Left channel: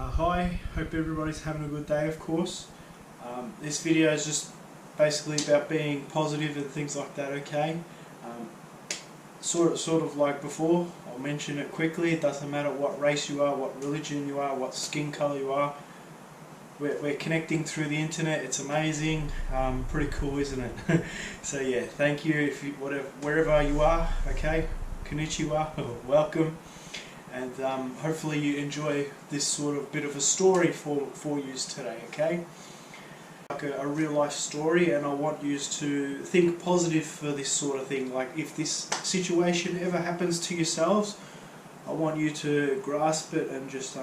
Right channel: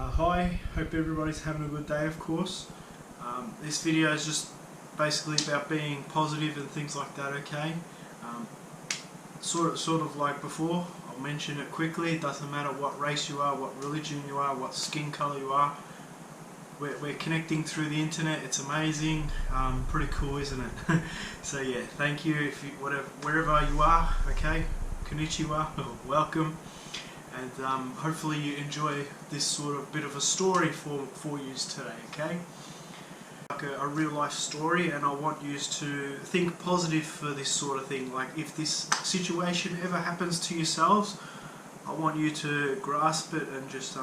Hi, hope everybody's having a good day, of course. This video is just basically about being positive and things like that, okay? Sort of like before, I'll mention it quickly. It doesn't matter what race you are, what religion you are, what skin colour you are. We're connecting through the internet. It's amazing. Pretty cool, isn't it? So yeah, thank you, wherever you are, okay? Konnichiwa, welcome. And hopefully you enjoy this sort of bit of a story for you today, okay? Like a real life story, and I want you to think positive for this sort of thing. Like if this situation ever happens to yourselves, I want you to grasp it and just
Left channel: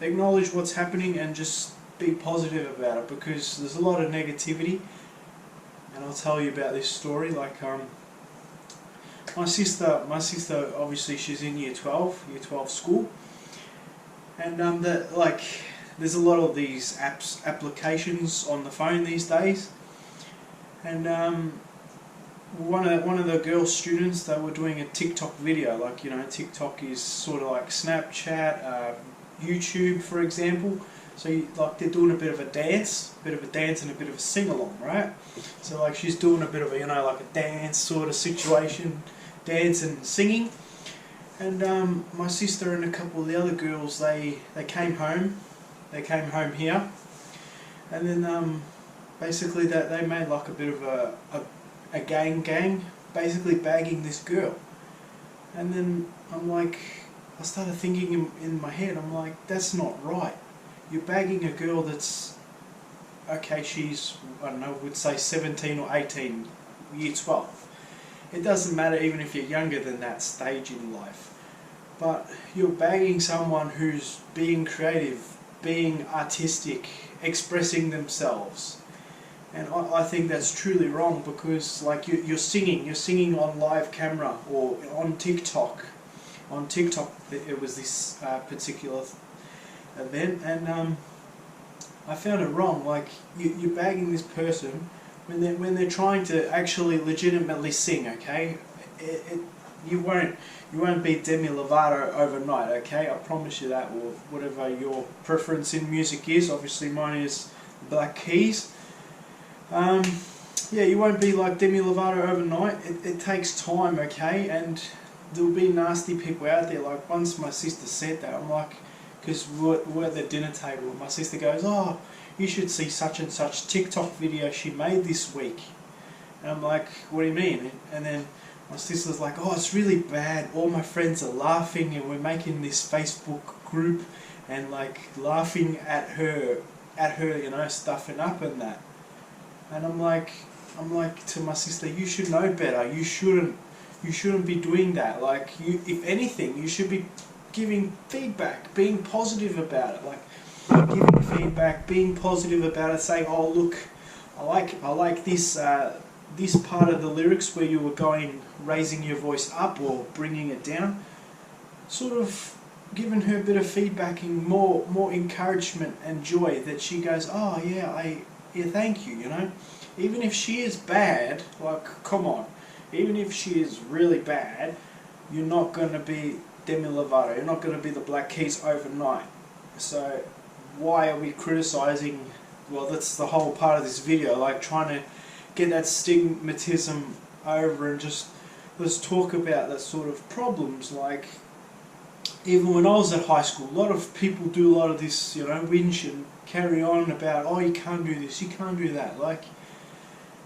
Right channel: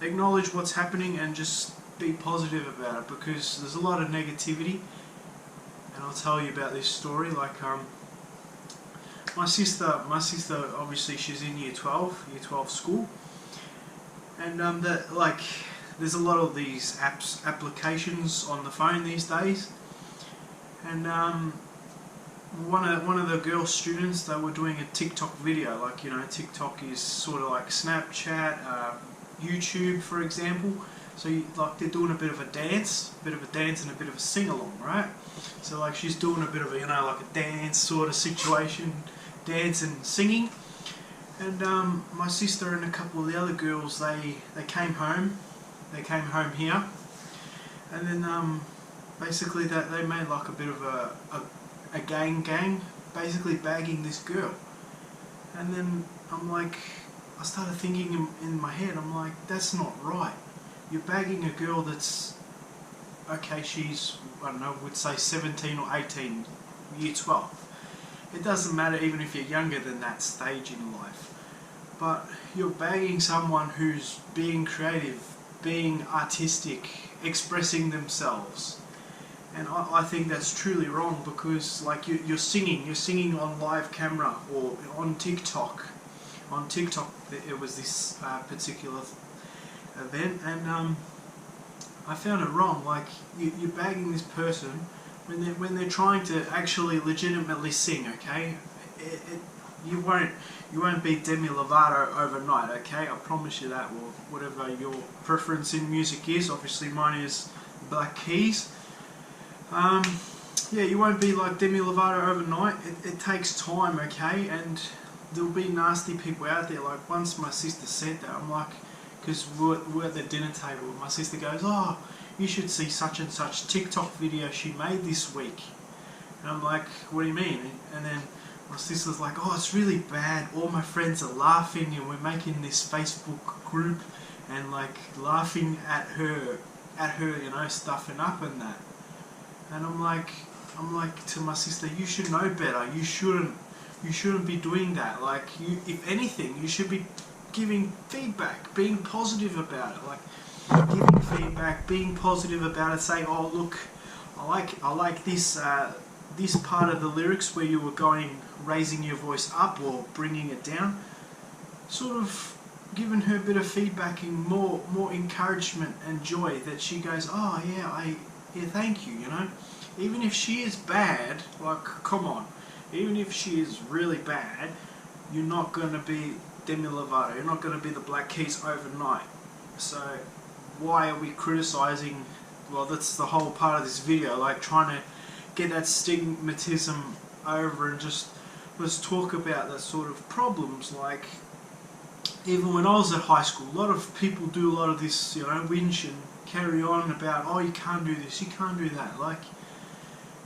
acknowledge what's happening and just be positive about it, because there's a lot of negativity. And I'll tell you about this story. Like my sister obviously she's in year 12 school, and there's a lot of these applications on the phone these days, and one of the girl students, they were doing a TikTok video. Like, you know, TikTok is sort of like Snapchat, YouTube, for example. So they're doing a bit of a dance and a bit of a sing-along, right? So like she's doing a bit of a, like a dance sort of situation, dance and singing. And my sister and a couple of the other girls, they came home. They came home here, and then basically they made like a bit of a gang, basically bagging this girl. And then I started thinking in my head, I'm like, that's not right. You're bagging a girl that's, okay, she's, I don't know, would say 17 or 18, year 12. It doesn't matter even if you're younger than that stage in life. But you're bagging someone who's being creative, being artistic, expressing themselves. And I think that's truly wrong, because like you're singing on live camera or on TikTok. On TikTok it was this particular event, and I found it wrong. Like you're bagging this person when they're trying to actually legitimately sing, okay? You won't be Demi Lovato overnight, okay? I promise you that, or whatever your preference in music is. Obviously mine is the Black Keys. Yeah, you won't be like Demi Lovato overnight. It takes time, okay? And there'll be nasty people out there. Like once my sister said that, I'm like, because we're at the dinner table, and my sister goes, oh, you should see such and such TikTok video she made this week. And I'm like, what do you mean? And then my sister's like, oh, it's really bad. All my friends are laughing, and we're making this Facebook group and like laughing at her, stuffing up and that. And I'm like to my sister, you should know better. You shouldn't be doing that. Like if anything, you should be giving feedback, being positive about it. Like giving feedback, being positive about it, saying, oh look, I like this this part of the lyrics where you were raising your voice up or bringing it down. Sort of giving her a bit of feedback and more encouragement and joy, that she goes, oh yeah, thank you, Even if she is bad, like, come on, even if she is really bad, you're not going to be Demi Lovato, you're not going to be the Black Keys overnight. So why are we criticising? Well, that's the whole part of this video, like trying to get that stigmatism over, and just let's talk about that sort of problems. Like even when I was at high school, a lot of people do a lot of this, whinge and carry on about, oh, you can't do this, you can't do that. Like,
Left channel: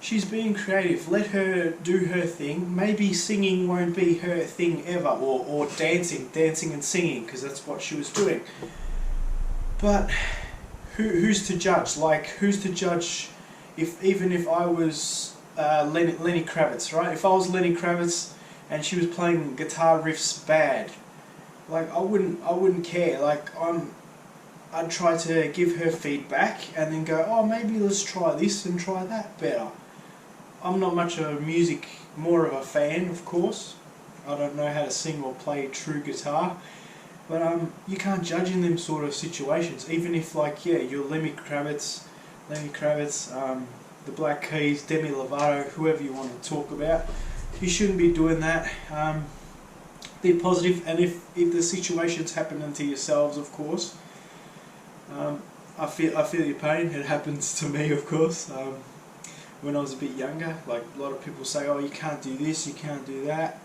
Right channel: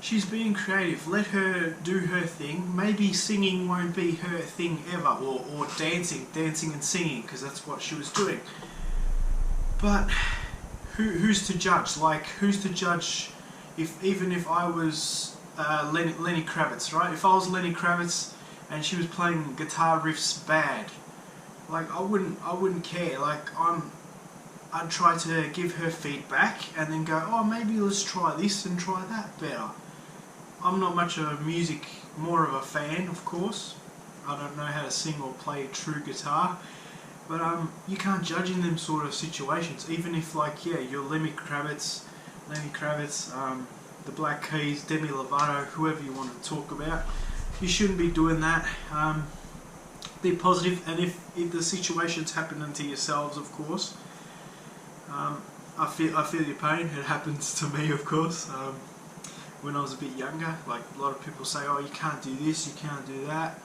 she's being creative, let her do her thing. Maybe singing won't be her thing ever, or dancing and singing, because that's what she was doing. But who's to judge? Like, who's to judge even if I was Lenny Kravitz, right? If I was Lenny Kravitz and she was playing guitar riffs bad, like I wouldn't care. Like I'd try to give her feedback and then go, oh, maybe let's try this and try that better. I'm not much of a music, more of a fan, of course. I don't know how to sing or play true guitar, but you can't judge in them sort of situations. Even if, like, yeah, you're Lenny Kravitz, the Black Keys, Demi Lovato, whoever you want to talk about, you shouldn't be doing that. Be positive, and if the situation's happening to yourselves, of course, I feel your pain. It happens to me, of course. When I was a bit younger, like a lot of people say, "Oh, you can't do this, you can't do that."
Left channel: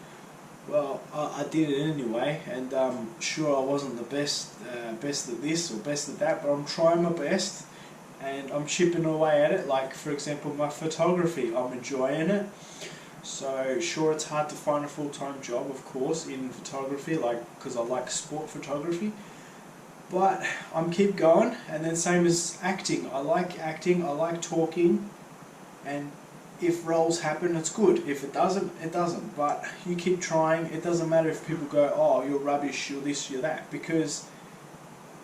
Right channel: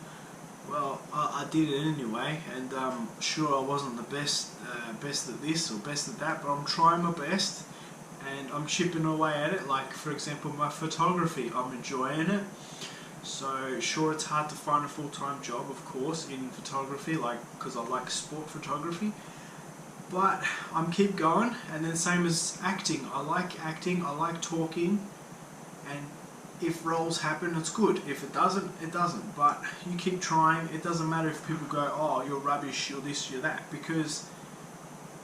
Well, I did it anyway, and sure, I wasn't the best at this or best at that, but I'm trying my best, and I'm chipping away at it. Like, for example, my photography, I'm enjoying it. So sure, it's hard to find a full-time job, of course, in photography, like, because I like sport photography. But I'm keep going, and then same as acting. I like acting, I like talking, and if roles happen, it's good. If it doesn't, it doesn't. But you keep trying. It doesn't matter if people go, "Oh, you're rubbish, you're this, you're that," because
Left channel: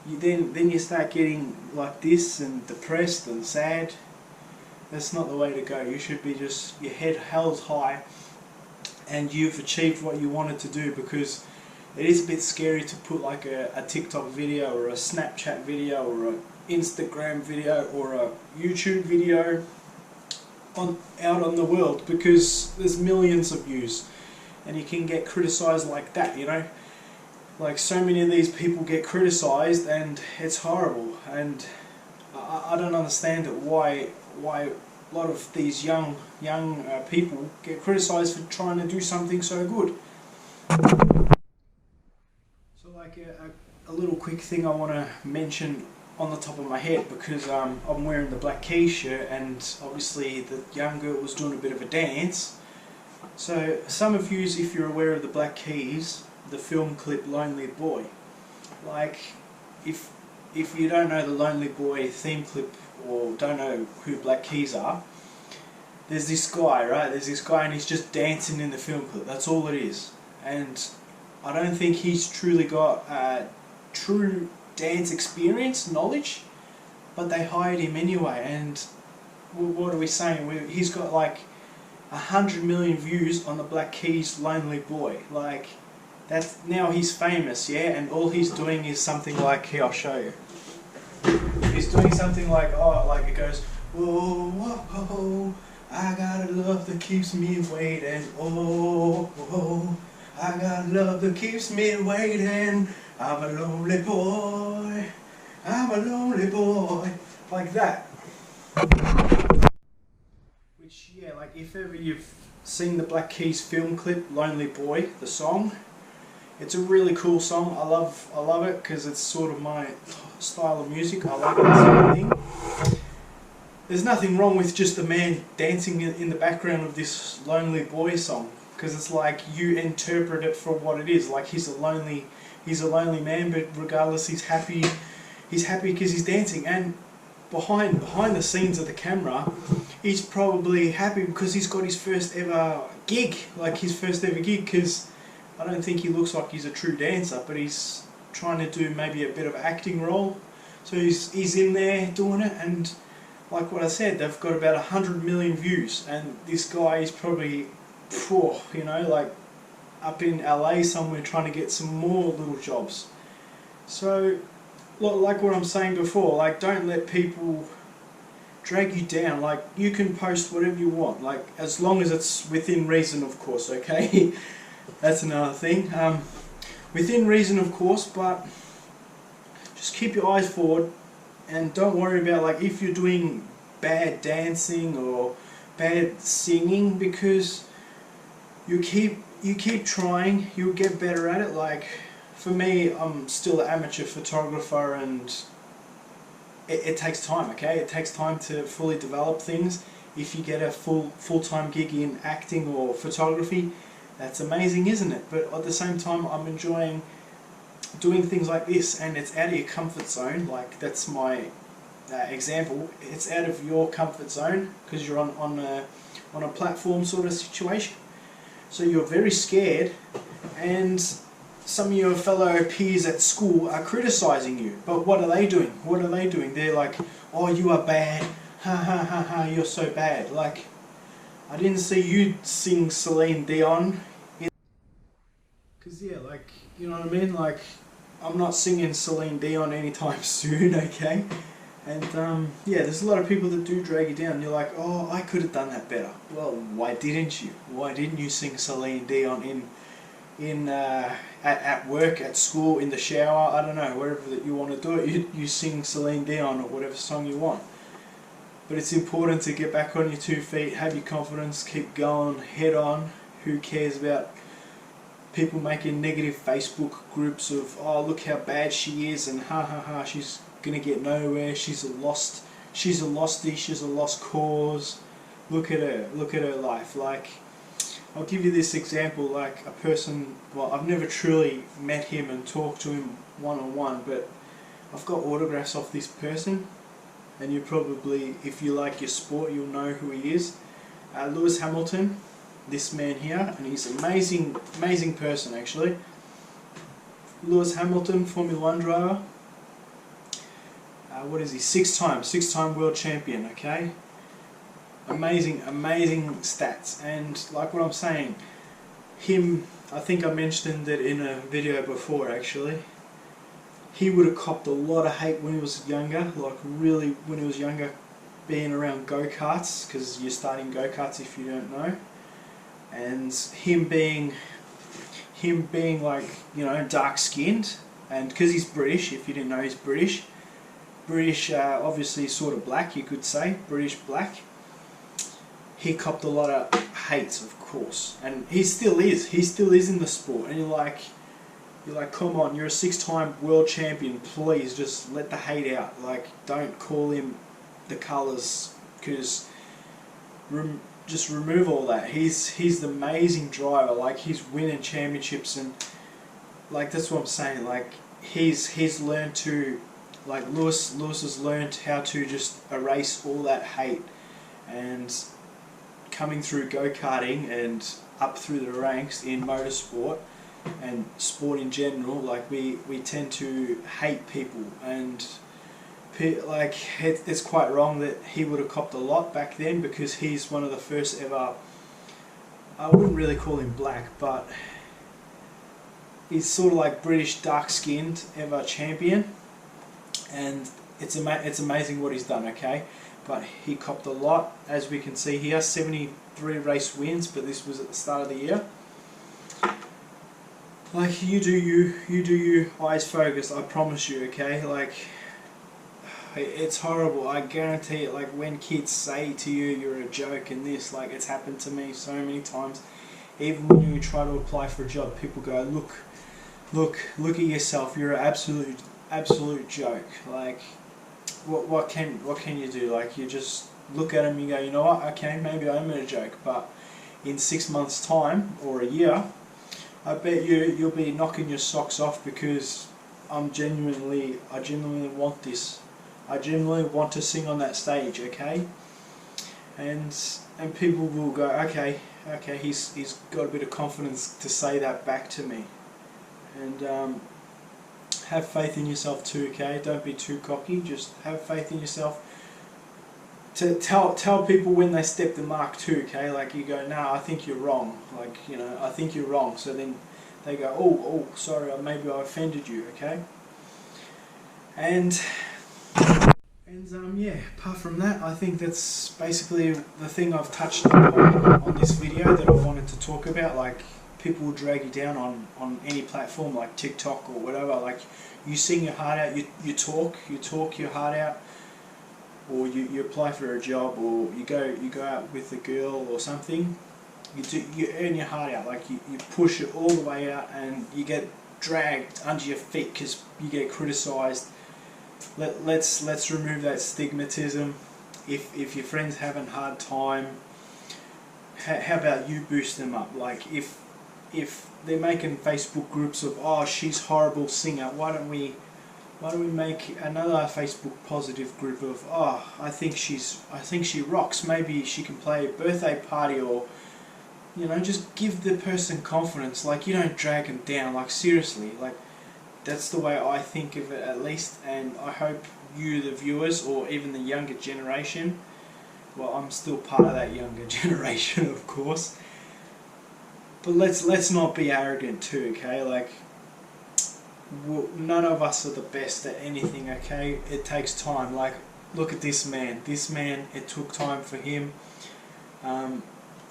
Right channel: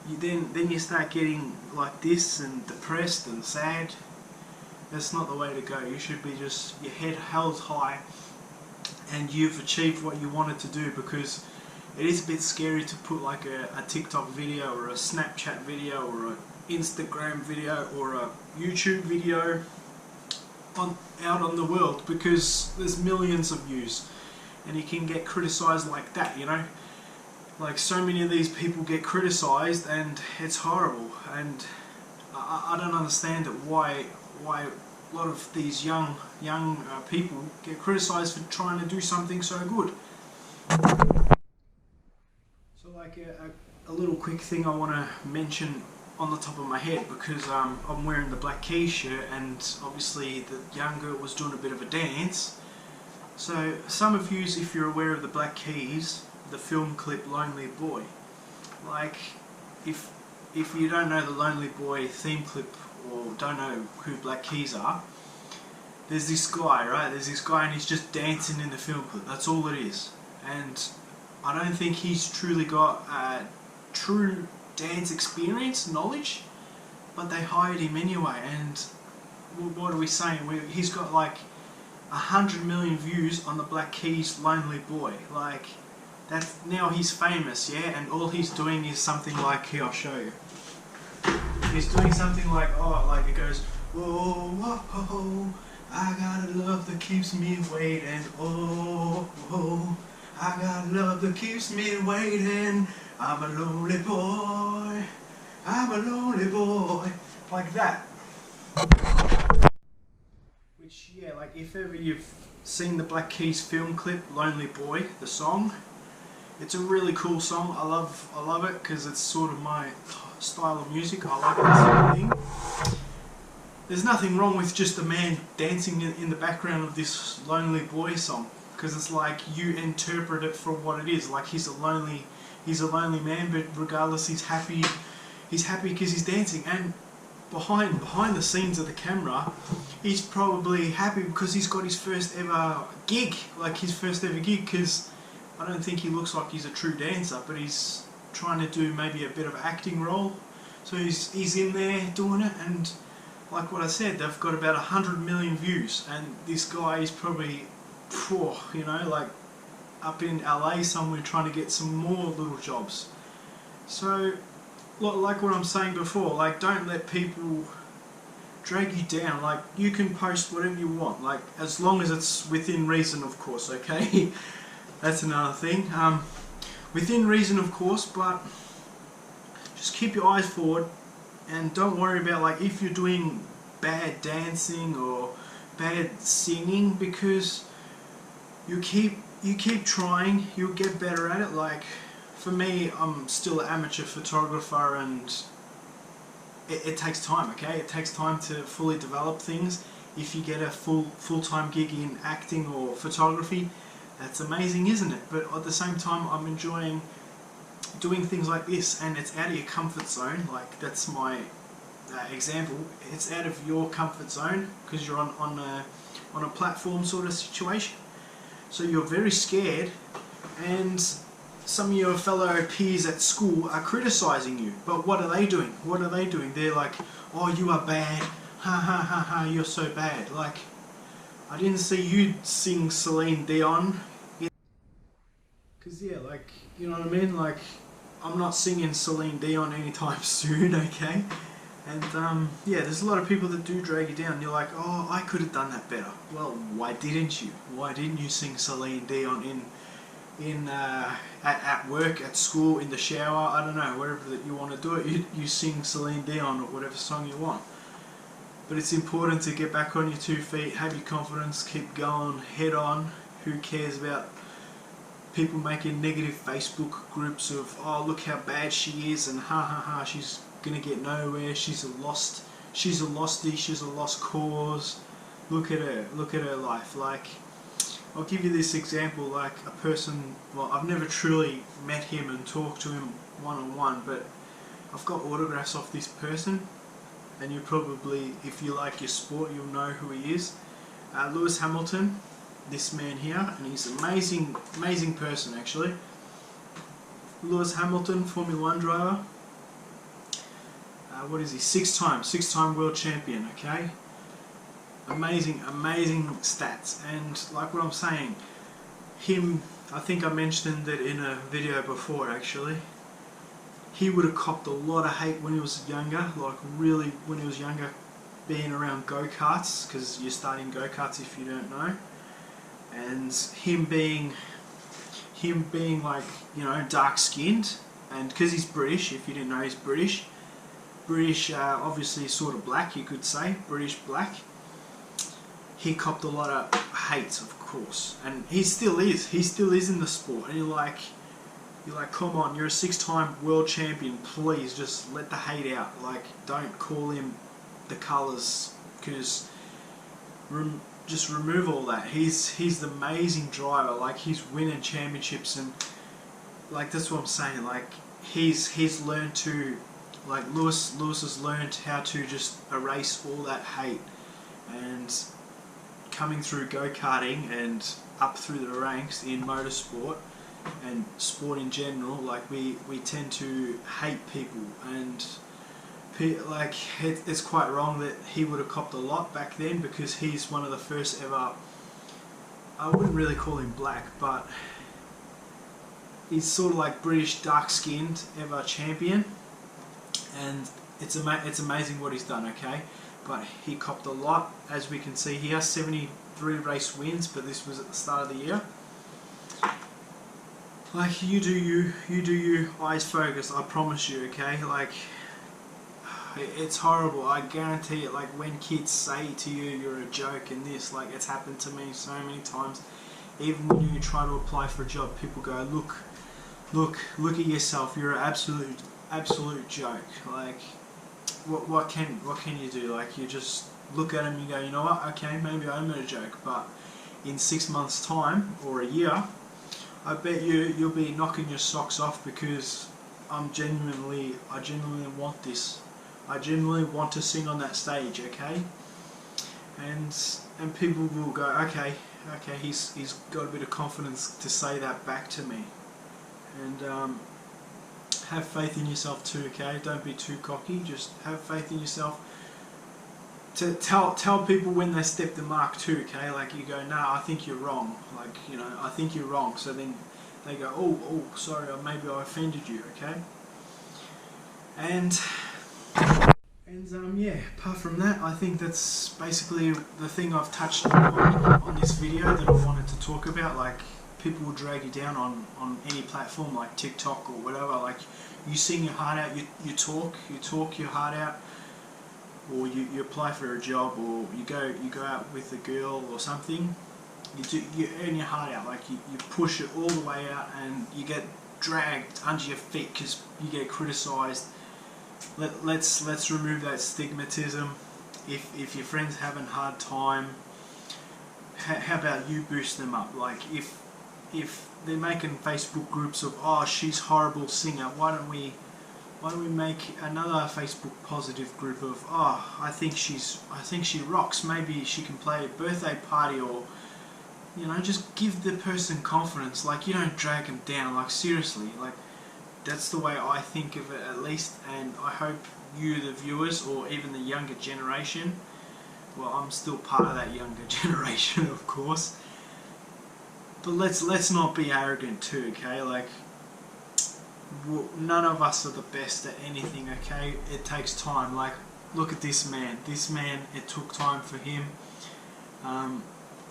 then you start getting like this and depressed and sad. That's not the way to go. You should be just your head held high, and you've achieved what you wanted to do, because it is a bit scary to put like a TikTok video or a Snapchat video or an Instagram video or a YouTube video out on the world, because there's millions of views and you can get criticised like that, you know. Like, so many of these people get criticised and it's horrible, and I don't understand it, why a lot of these young people get criticised for trying to do something so good. So like a little quick thing I want to mention on the top of my head, because I'm wearing the Black Keys shirt, and obviously the young girl was doing a bit of a dance. So some of you, if you're aware of the Black Keys, the film clip Lonely Boy, like if you don't know the Lonely Boy theme clip or don't know who Black Keys are, there's this guy, right? There's this guy and he's just dancing in the film clip. That's all it is. And I don't think he's truly got true dance experience, knowledge, but they hired him anyway. And what are we saying? He's got like 100 million views on the Black Keys Lonely Boy. Like, that's, now he's famous, yeah, and all he's doing is something like, here, I'll show you. He's doing something like, oh, like it goes, "Whoa, whoa, I got a love that keeps me waiting, oh, oh, I got a love that keeps me waiting, I'm a lonely boy, I'm a lonely boy," like that. Which, yeah, like if ever you've seen the Black Keys film clip, Lonely Boy, the song, it's a really cool song. I love it because it's sort of my style of music. I like that sort of thing. There's nothing wrong with just a man dancing in the background of this Lonely Boy song, because it's like you interpret it for what it is. Like, he's a lonely man, but regardless, he's happy because he's dancing. And behind the scenes of the camera, he's probably happy because he's got his first ever gig, because I don't think he looks like he's a true dancer, but he's trying to do maybe a bit of acting role. So he's in there doing it, and like what I said, they've got about 100 million views, and this guy is probably, you know, like up in LA somewhere trying to get some more little jobs. So, like what I'm saying before, like, don't let people drag you down. Like, you can post whatever you want, like, as long as it's within reason, of course, okay? That's another thing. Within reason, of course, but just keep your eyes forward and don't worry about, like, if you're doing bad dancing or bad singing, because you keep trying, you'll get better at it. Like, for me, I'm still an amateur photographer, and it takes time, okay? It takes time to fully develop things. If you get a full-time gig in acting or photography, that's amazing, isn't it? But at the same time, I'm enjoying doing things like this, and it's out of your comfort zone. Like, that's my example. It's out of your comfort zone because you're on a platform sort of situation. So you're very scared, and some of your fellow peers at school are criticising you. But what are they doing? They're like, "Oh, you are bad. Ha ha ha ha, you're so bad." Like, I didn't see you sing Celine Dion. Because, yeah, like, you know what I mean? Like, I'm not singing Celine Dion anytime soon, okay? And, yeah, there's a lot of people that do drag you down. You're like, "Oh, I could have done that better." Well, why didn't you? Why didn't you sing Celine Dion at work, at school, in the shower, I don't know, wherever that you want to do it, you sing Celine Dion or whatever song you want. But it's important to get back on your 2 feet, have your confidence, keep going, head on. Who cares about people making negative Facebook groups of, oh, look how bad she is, and ha ha ha, she's gonna get nowhere, she's a lostie, she's a lost cause. Look at her life. Like, I'll give you this example, like a person, well, I've never truly met him and talked to him one-on-one, but I've got autographs off this person, and you probably, if you like your sport, you'll know who he is. Lewis Hamilton, this man here, and he's an amazing person actually. Lewis Hamilton, Formula 1 driver. What is he? Six-time world champion, okay? Amazing stats. And like what I'm saying, him, I think I mentioned it in a video before actually, he would have copped a lot of hate when he was younger, like really when he was younger, being around go-karts, because you're starting go-karts if you don't know. And him being like, you know, dark-skinned, and because he's British, if you didn't know, he's British, obviously sort of black, you could say, British black. He copped a lot of hate, of course, and he still is in the sport. And you're like, come on, you're a 6-time world champion, please just let the hate out. Like, don't call him the colours, because just remove all that. He's the amazing driver. Like, he's winning championships, and like, that's what I'm saying. Like, he's learned to, like, Lewis has learned how to just erase all that hate. And coming through go-karting and up through the ranks in motorsport and sport in general, like, we tend to hate people, and like, it's quite wrong that he would have copped a lot back then, because he's one of the first ever, I wouldn't really call him black, but he's sort of like British dark-skinned ever champion, and it's amazing what he's done, okay? But he copped a lot, as we can see here, 73 race wins, but this was at the start of the year. Like, you do you, eyes focused, I promise you, okay? Like, it's horrible, I guarantee it. Like, when kids say to you, you're a joke and this, like, it's happened to me so many times. Even when you try to apply for a job, people go, look at yourself, you're an absolute joke. Like, what can you do? Like, you just look at them and you go, you know what, okay, maybe I'm a joke, but in 6 months time or a year, I bet you'll be knocking your socks off, because I genuinely want this. I genuinely want to sing on that stage, okay? And people will go, okay, he's got a bit of confidence to say that back to me. And have faith in yourself too, okay? Don't be too cocky, just have faith in yourself. To tell people when they step the mark too, okay? Like, you go, nah, I think you're wrong. Like, you know, I think you're wrong. So then they go, oh, sorry, maybe I offended you, okay? And yeah, apart from that, I think that's basically the thing I've touched upon on this video that I wanted to talk about. Like, people will drag you down on any platform, like TikTok or whatever. Like, you sing your heart out, you talk your heart out, or you apply for a job, or you go out with a girl or something. You earn your heart out. Like, you push it all the way out, and you get dragged under your feet because you get criticised. Let's remove that stigmatism. If your friends having a hard time, how about you boost them up? Like, if they're making Facebook groups of, oh, she's horrible singer, why don't we make another Facebook positive group of, oh, I think she rocks, maybe she can play a birthday party, or, you know, just give the person confidence. Like, you don't drag them down. Like, seriously, like, that's the way I think of it, at least. And I hope you, the viewers, or even the younger generation, well, I'm still part of that younger generation, of course, but let's not be arrogant too, okay? Like, none of us are the best at anything, okay? It takes time. Like, look at this man, it took time for him.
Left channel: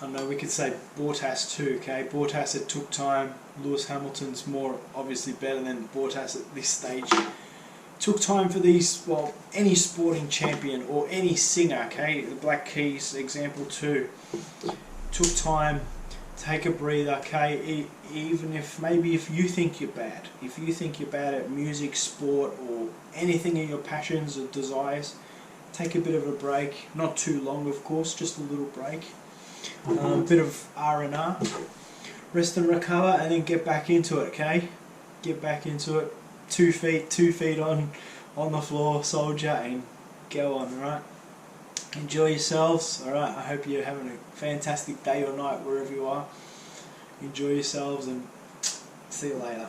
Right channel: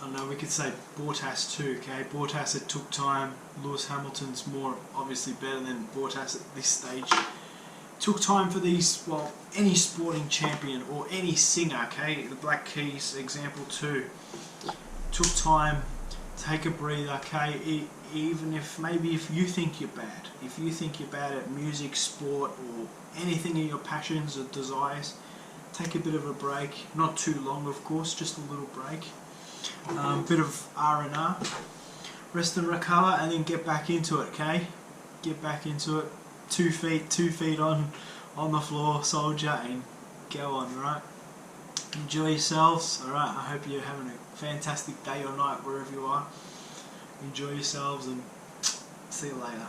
I know we could say Bottas too, okay? Bottas, it took time. Lewis Hamilton's more obviously better than Bottas at this stage. Took time for these, well, any sporting champion or any singer, okay? The Black Keys example too. Took time, take a breather, okay? Even if, maybe if you think you're bad. If you think you're bad at music, sport, or anything in your passions or desires, take a bit of a break. Not too long, of course, just a little break. Bit of R&R. Rest and recover, and then get back into it, okay? Get back into it. 2 feet on the floor, soldier, and go on, alright? Enjoy yourselves, alright? I hope you're having a fantastic day or night wherever you are. Enjoy yourselves and see you later.